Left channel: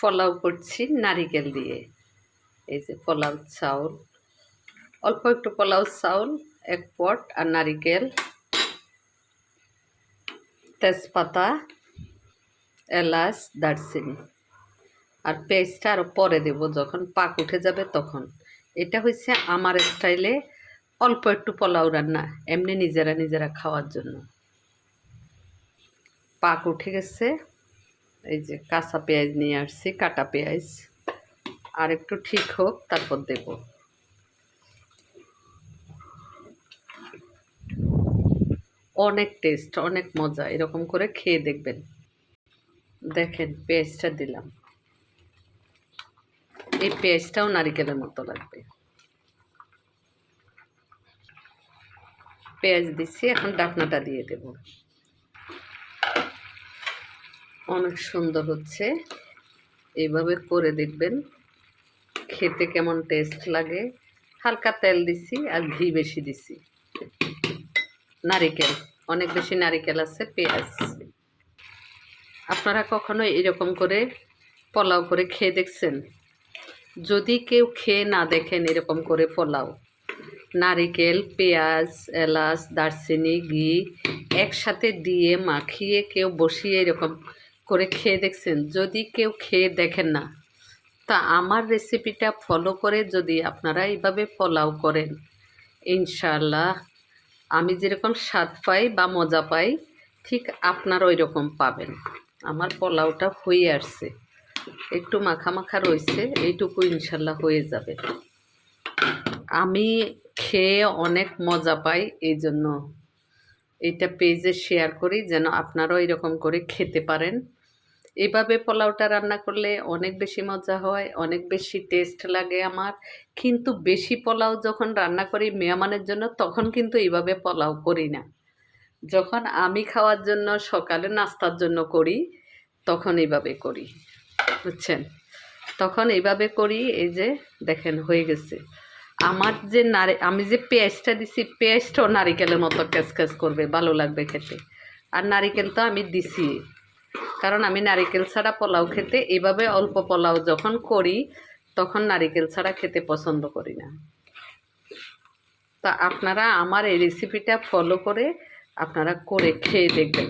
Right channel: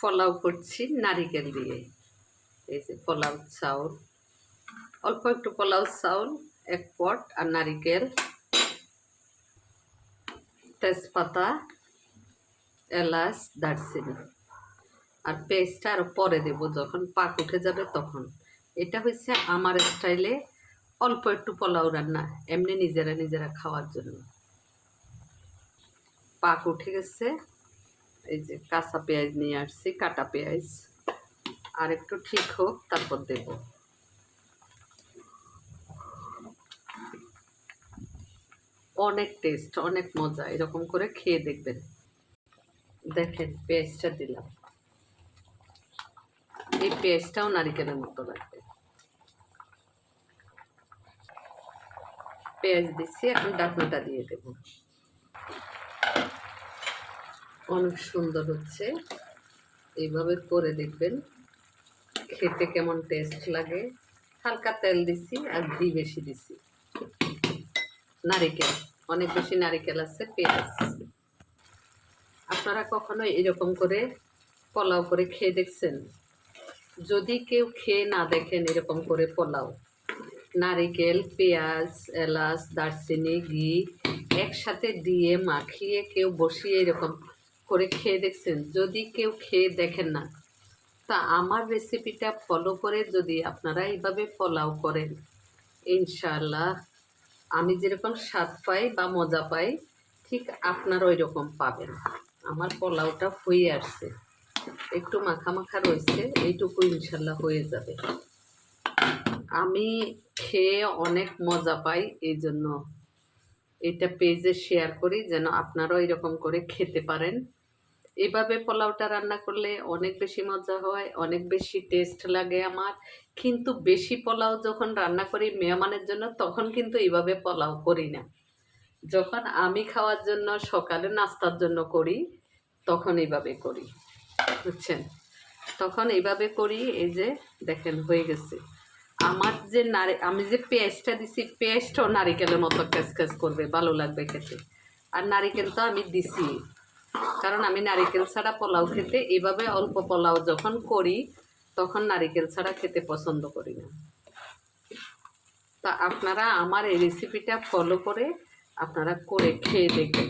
পোলাও করছি নারিকেল দিয়ে। এই যে পোলাও চাউল, অল্প একটু পোলাও চাউল, এক পট, আর নারিকেল, তেজপাতা, এলাচ, দারচিনি। আর পেস্টটা আরও পরে দেবো, যখন পাক উঠে যাবে তখন। এটা হচ্ছে আমার স্টাইলে অল্প একটু পোলাও রান্না, এমনি নিজেরা নিজেরা খাওয়ার জন্য। পাক উঠে গেছে এই যে কাঁচা পেঁয়াজ নিয়ে আসছি, কাটা পেঁয়াজ। আর একটু ঠিক হোক, তারপর দেব। অনেক টেস্ট অনেক মজা, এরকম করে খেয়ে দেখবেন। দেখেন, পেঁয়াজটা দিলাম। এই পেঁয়াজটাও নারিকেলের মতো লাগবে। পেঁয়াজ দিচ্ছি এখন ডাকনাটা দিয়ে দেব। অনেক সুন্দর হচ্ছে। এইভাবে করে দেখবেন। খেতে কেমন টেস্ট লাগে। হালকা তেল দিছি আর ঘি বেশি দিছি। নারিকেল, অনেক বেশি নারিকেল আছে, পেঁয়াজ। আপনারা কখনো এরকম করে পোলাও করে খেয়ে দেখছেন? যদি কেউ খেয়ে না দেখেন এরকম করে পোলাও, নারিকেল, পেঁয়াজ, এলাচ, দারচিনি, ঘি একসাথে দিয়ে মাখিয়ে কেউ বসিয়ে এরকম করে খেয়ে দেখছেন, যদি কেউ খেয়ে দেখেন না, তা আমার রেসিপিটা ফলো করে যদি আপনারা এইভাবে পোলাও করেন। ইনশাল্লাহ আমি যেরকম স্বাদ পাই বা মজা পাই, ঠিক আপনারা ওই রকম পাবেন। আমার পোলাওটা হয়ে আসছে। একটু মাখা মাখা রয়েছে, এইটুকু ইনশাল্লাহ হয়ে যাবে। আমি খেয়ে অনেক মজা পাই এই জন্য এটা পেজে শেয়ার করি, যেন আপনারাও এরকম করে খেতে পারেন। এভাবে পোলাওটা রান্না করলে অনেক বেশি মজা হয়, অনেক বেশি টেস্ট লাগে আমার। কিন্তু বেশি পোলাও যখন রান্না করি মেহমানের জন্য, তখন কিন্তু এইভাবে পোলাও করি না। যখন আমি খাওয়ার জন্য, সকালে নাস্তার জন্য করি, তখন এইভাবে করি। বুঝছেন? তখন এইভাবে করি, এই যে দেখেন হয়ে গেছে। আমার যে নারে, আমি যে পেঁয়াজটা দিছি, পেঁয়াজটাও নারিকেলের মতো ক্যাচ ক্যাচ করবে, ভালো লাগবে খেতে। আর নারিকেল তো আমি দিছি। কারণ আমি নারিকেল ছাড়া পোলাও খেতে এভাবে অল্প পোলাও যখন করি, তখন নারিকেল ছাড়া খেতে পছন্দ করি না। তা আপনারা আমার এই রেসিপিটা ফলো করে আপনারা করে খেয়ে দেখবেন।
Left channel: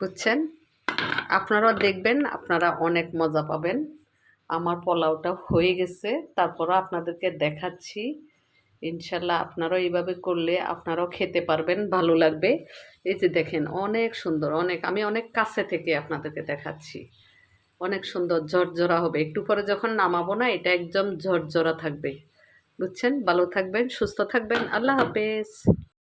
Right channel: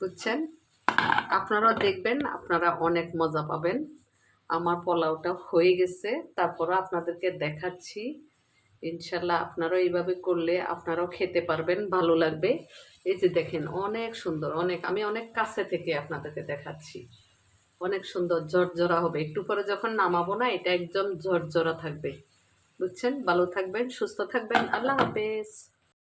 বুঝছেন? আপনারা দেখবেন, আপনারা অনেক মজা পাবেন। আমার পোলাওটা হয়ে গেছে, তারপরও আপনাদেরকে দেখাচ্ছি। ইনশাল্লাহ আপনারাও এইভাবে করলে আপনারাও খেতে পারবেন, ভালো লাগবে। এই যে দেখেন, অনেক সুন্দর, অনেক, আমি অনেক কাছে থেকে আপনাদেরকে দেখাচ্ছি। অনেক সুন্দর, ঝরঝরা হবে। একটু পরে যখন নামাবো না, এটা একদম ঝরঝরা থাকবে। বুঝছেন? ভালো থাকবেন, সুস্থ থাকবেন। আল্লাহ হাফেজ।